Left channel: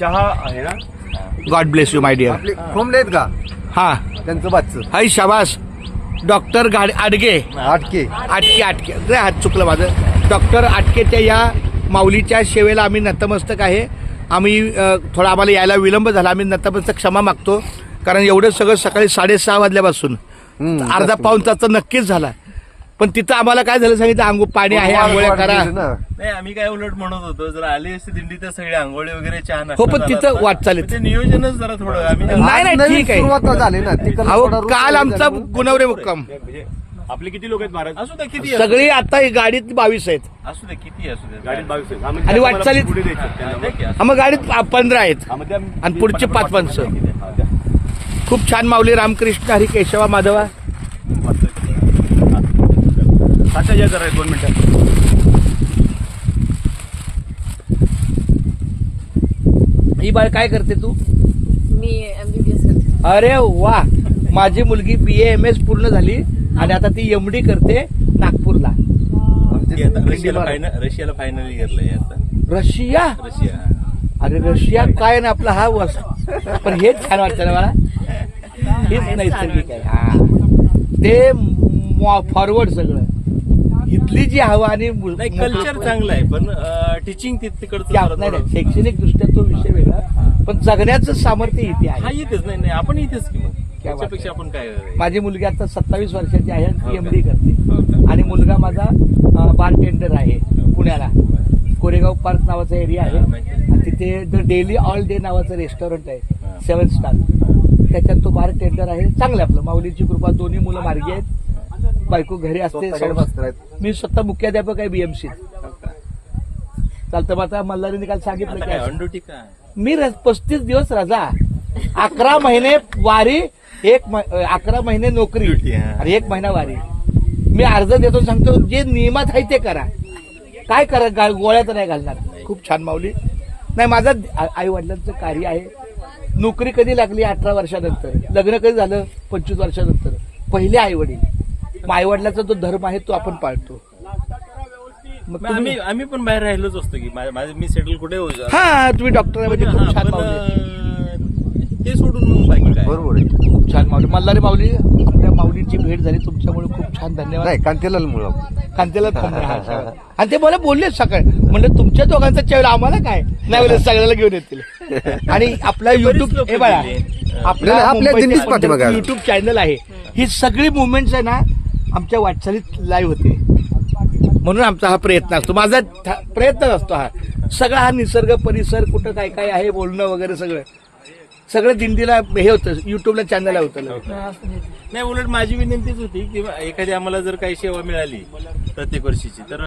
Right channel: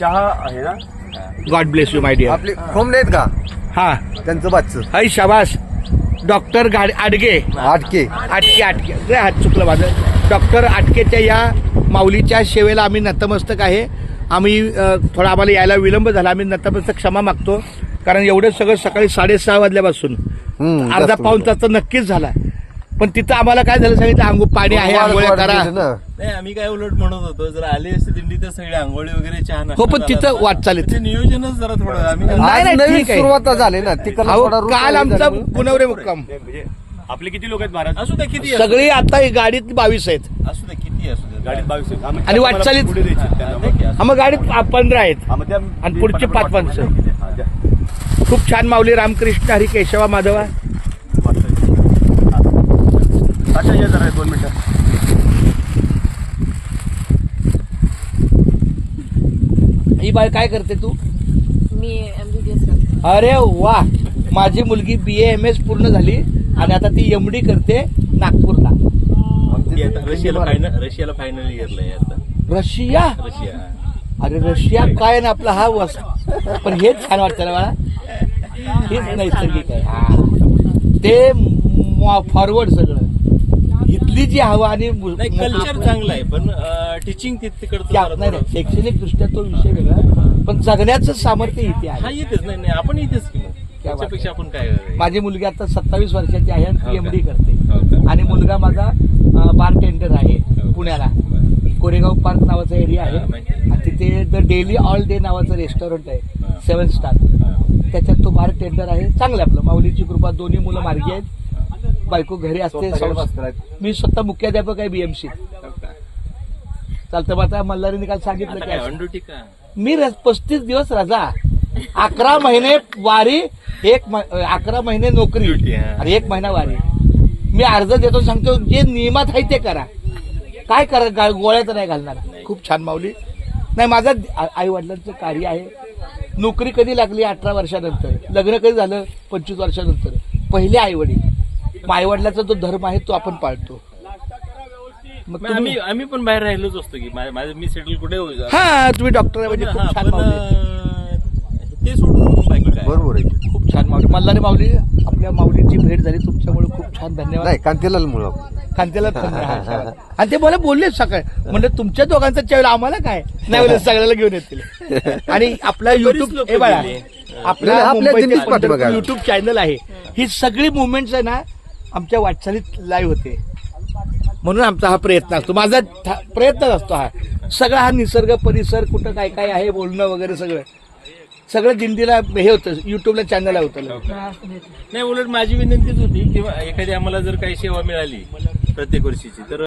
चहा आहे ना. God bless you my dear. आपले खोमले आहेत का हा त्यांचं बादचं हाय शाबास. डॉक्टर आडगे आटके आटके हात चुकलं माझं. डॉक्टर आटकेच्या या माऊलीच्या सेवेला आम्ही नतमस्तक आहे. आम्ही थोडा आम्हाला यायला विलंब झाला. आम्ही नतमस्तक क्षमा मागतो, कारण एवढं सगळं सकाळी 6:30 वाजल्यापासून अर्धा पाऊण तास तर नक्कीच झाला. पण तिथं आम्हाला काय झालं सांगितलं, पाणी आहे, आंघोळ्या करा. नाही, आम्ही काय उलट म्हणत होतो, जर आले असते दिंडी तर सगळे आंघोळी वगैरे चहा हो, पण तिथं वाट चालत ते नियोजनच जरा थोडं आम्ही नाही ठीक आहे. सुरुवात झाली ना ती अहो काल आमचा गुणवरे मुक्काम. आपले किती लोक आहेत महाराज? असू द्या किती सगळी आता गाडीत 22 आहेत असू द्या किती असू द्या. गाडीत 22 आहेत आणि वाटचालीत मग गाडीत 15 आहेत आणि पुढचे 5 माणसं. खूप छान माऊली. रामकृष्ण हरी केशवा माधवा. 7,000 आहे. 2 मिनिटं. ही बाळ काय करते तू? मी MBBS करते. अरे वा. माझी मुलगी BA-MS पूर्ण झाली आणि आता ती MD करते नागपूरला. रशियाला फायनल घेतलंय आता. रशिया. अरे रशिया काय ना आपला हा पण हेच छान वाटतं ना मला. हेच नैसर्गिक आहे. हा ते फॉरवर्ड सगळं. इथली जी हवा आणि कल्चर चांगलं आहे, पण टीचिंग तिकडचं नाही शैक्षणिक दृष्ट्या तो विषय वेगळा, पण जगण्याचं सामर्थ्य इथे आहे. हा येतेच. नाही आपण इथेच की मग त्याच्यापेक्षा आपण काय. माझी मुलगी आता 27 वर्षाची आहे, MD करते. आणि मुलगा माझा बार टेंडर आहे पुण्याला. कोरेगाव पार्क नावाचा एरिया आहे आणि तिथे द डेली ऑल डे नावाचं रेस्टॉरंट आहे, 7 स्टार. त्याच्यात तो बार टेंडर आहे. चांगलं आपलं. माऊलीची कृपा. दोन्ही मुलं मार्गी आहेत. बायको घरी असते. मी स्वतः मुख्याध्यापक आहे BMC. चालतं. मग आता मल्हारीने काल सांगितलं की मी 35 दिवस रजा, 11 महिने वारी, 11 महिने नोकरी आणि 1 महिना वारी. मी अर्ज देतो, सांगतो जे नियमात आहे ते करा. काय करा, गोळ्या तर नाही घालणार. खूप छान माऊली. नाही माझं आई वडिलांचं कार्य आहे. नोकरी कधी लागली? 18 वर्षानंतर. लग्न कधी झालं? 25 वर्षानंतर. पहिले आई वडील. आई वडिलाचा जो धर्म आहे तो आपण पाळतो. मग आम्ही पण बाहेर राहिलोच असतो की मी सेटल कुठे होऊ. हा तुम्ही डॉक्टर आहे म्हणजे खूप छान ते सोडून बाकी काय. बरोबर आहे. खूप छान माऊली. मल्हारी माऊली, आपल्या माऊलीची भेट झाली तुमच्यामुळे. खूप छान धन्यवाद. नाही कांतेलाल मुळे कांतेला आणि ते मला बोलले सकाळी, म्हणजे तुमच्या दोघांचा चेहरा आम्हाला काय नाही बोलले, सगळ्याला घेऊन येतील. आणि आपला युट्यूब हे बघा, आपला युट्यूब चॅनल आहे. ही सगळी मुवमेंट्स आहे ना आमच्या वाटचालीत लाईव्ह होते. म्हणून आमचा हा प्रयत्न असतो. माझा प्रयत्नच असतो हा सगळा. हा निसर्ग परिसर कुठं काय काय आहे बोलणं वगैरे सगळं दिंडीला हे होतं. युट्यूबला चॅनल होतं. नाही उलट माझी विनंतीच होती की एखादी आम्हाला जर काही सेवा मिळाली प्रत्येक वर्षीची तर